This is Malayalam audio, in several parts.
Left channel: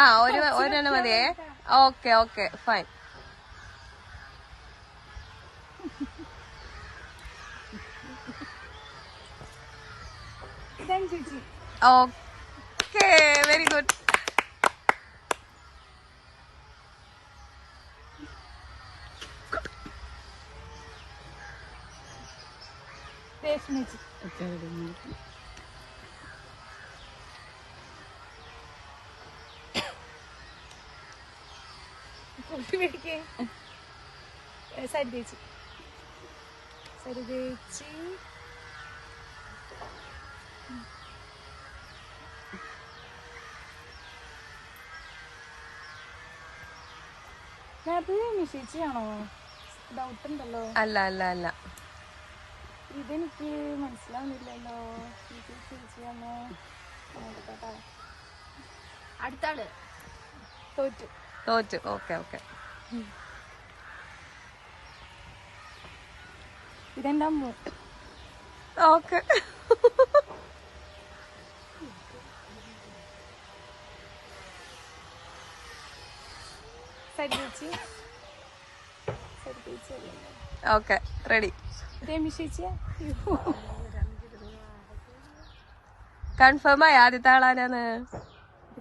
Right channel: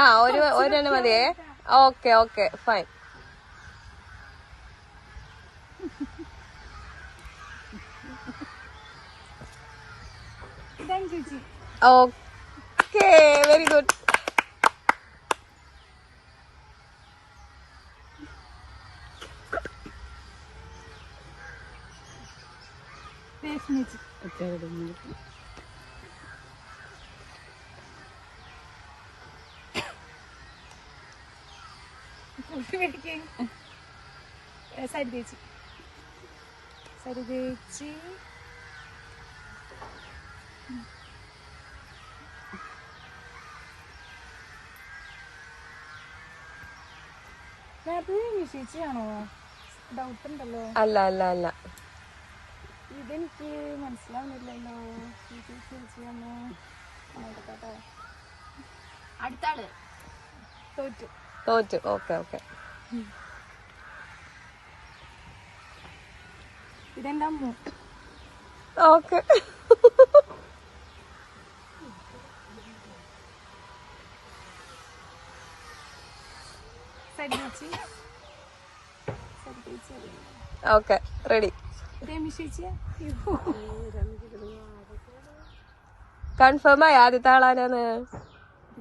ആ ഒരെണ്ണം മതിയേ. Okay okay fine. Okay very good. സരിതേച്ചി ചേച്ചിയാണോ? ഡൗട്ട് ഉണ്ടല്ലോ. അല്ല അല്ല അല്ല, ഇതെനിക്ക് മനസ്സിലാവുന്നില്ലല്ലോ. ചേച്ചിയാണോ? അടുത്താള് തോറ്റു. Okay okay. ഇതെന്താ ഓക്കെ. Okay ready. കൺഫേം ആയി ആദ്യത്തെ ആളാരാന്ന്?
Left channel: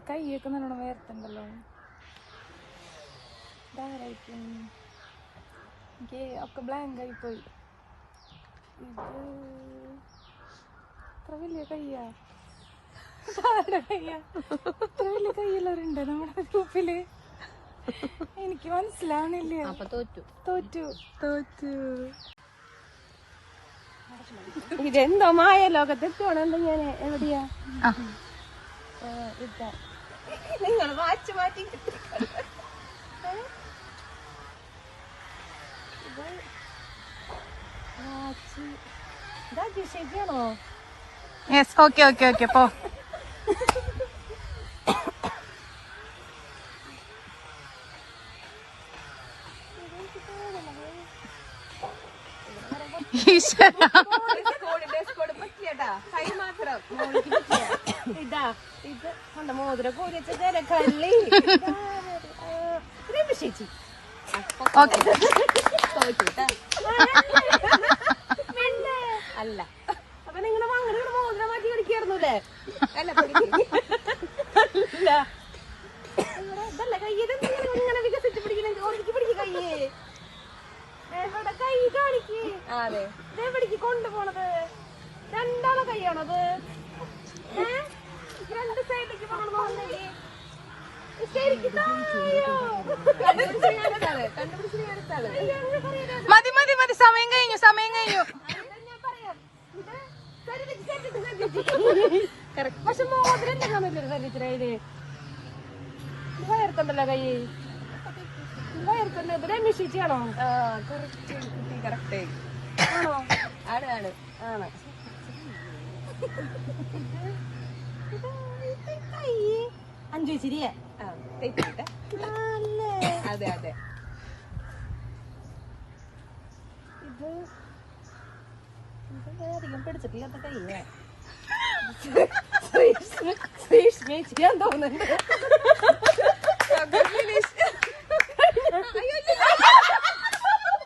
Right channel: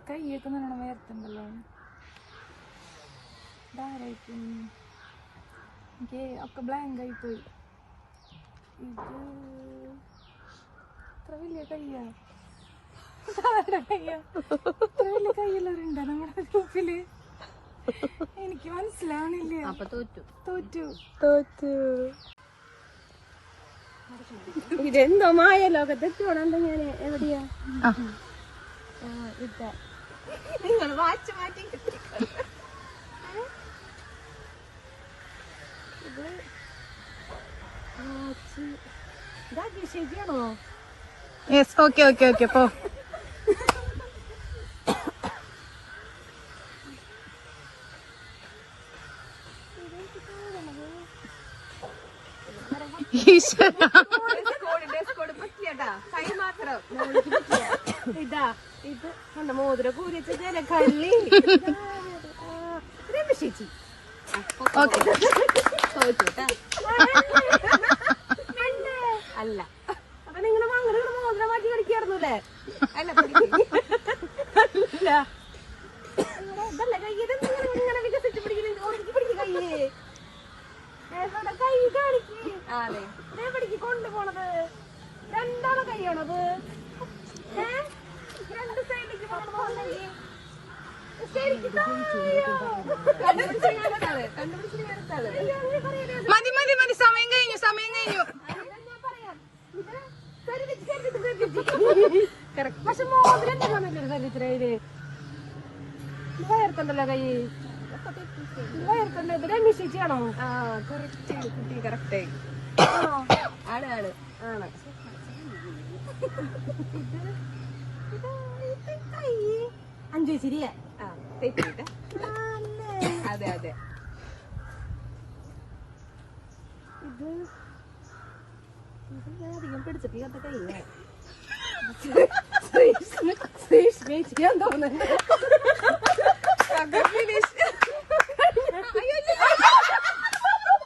കൈയൊക്കെ നല്ലോണം വേർത്തുണ്ടല്ലോ. ഇതാരായിരിക്കും? എനിക്ക് ഒക്കെ ബ്ലാങ്ക് ആയി പോയി. ഇത്ര വലിയ കയ്യാ? ഇത്ര വലിയ കയ്യുള്ളവരുണ്ടോ നമ്മുടെ ഗ്രൂപ്പില്? എനിക്ക് മനസ്സിലാവണില്ല. അപ്പൊ തോറ്റു. ഇതെന്തോ മായ ലോകത്തെത്തോണം. എന്താ ഞാൻ എവിടെയാ? ഇതാ നിങ്ങൾ വാച്ച് മാറ്റി. ശരിയാണോ? യെസ്. ഓക്കെ ഓക്കെ ഓക്കെ പോ. ഇതാ ഇത് മോതിര കൂടിച്ച കള്ളി ചേച്ചി. അല്ല അപ്പൊ നിങ്ങള് അങ്ങനെ മോതിര മാറ്റി കളിക്കായിരുന്നല്ലേ? അല്ല ഇതല്ല കയ്യത് ഇങ്ങനെ വികസിച്ച് പിടിക്കണെങ്കിൽ ഒതുക്കി പിടിക്കും കയ്യേ. കൈ കാണിക്ക്. അതെ എവിടേക്ക് കൊണ്ടുപോണത്? രണ്ടാമ കൈയാണത്. രണ്ട് സൈഡിലേക്ക് മതി മതി മതി. സമയം കഴിഞ്ഞു. പക്ഷെ മോതിരം കാണല്ലോ സരിത്രയില്. വയർക്കണ്ടല്ലോ കൈ. വയർക്കണ്ട. രമേശിച്ചാണോ? കറക്റ്റ് ആണോ? ആണ് ആണ്. അഞ്ചു ശരിയാ. തെറ്റിട്ട. അതെ അതെ. ഇത് അധികം പിടിച്ചിട്ടില്ലാത്ത കൈ. ചെയ്യാൻ തോന്നുന്നു.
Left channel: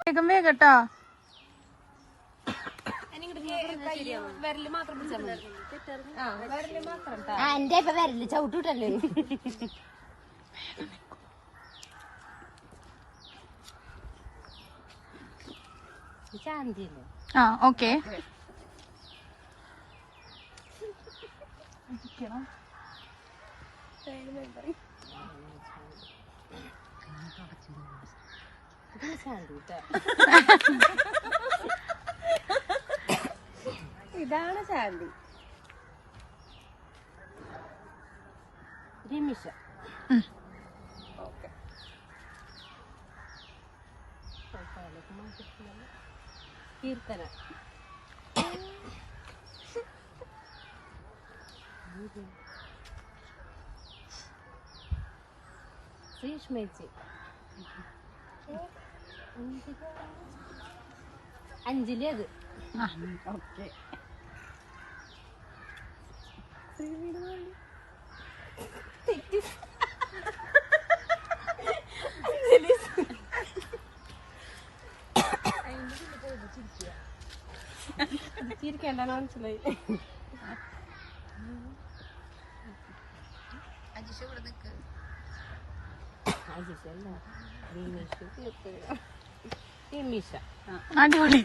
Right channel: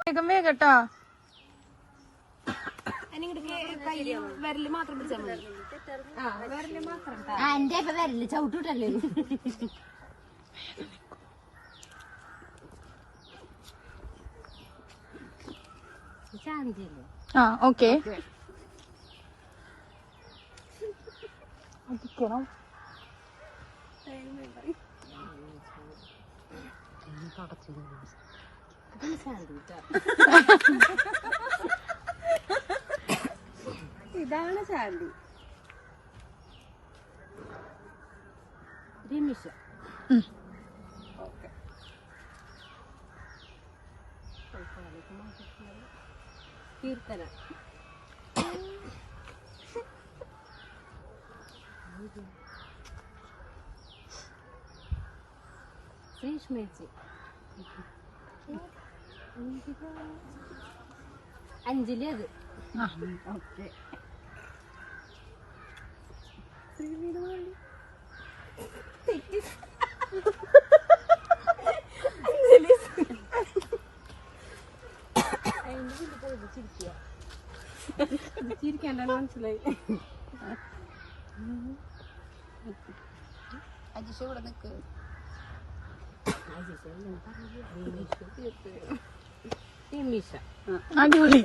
വേഗം കേട്ടോ. വിരല് മാത്രം പിടിച്ചാൽ മതി. വിരല് മാത്രം. എന്റെ ഇപ്പൊ വരല് ചവിട്ടിട്ടല്ലേ. ശാന്തിയല്ലേ? ഓക്കെ. ഇതാണ് ശാന്തി. രമിഷ. കീർത്തന. ശ്രീഷ്മേച്ചി. അഞ്ജലി. അത് ഓക്കെ. ചിരിക്കണ്ട മനസ്സിലായി. അജിഷ ഇവിടെ നിക്ക്. അടിപൊളി.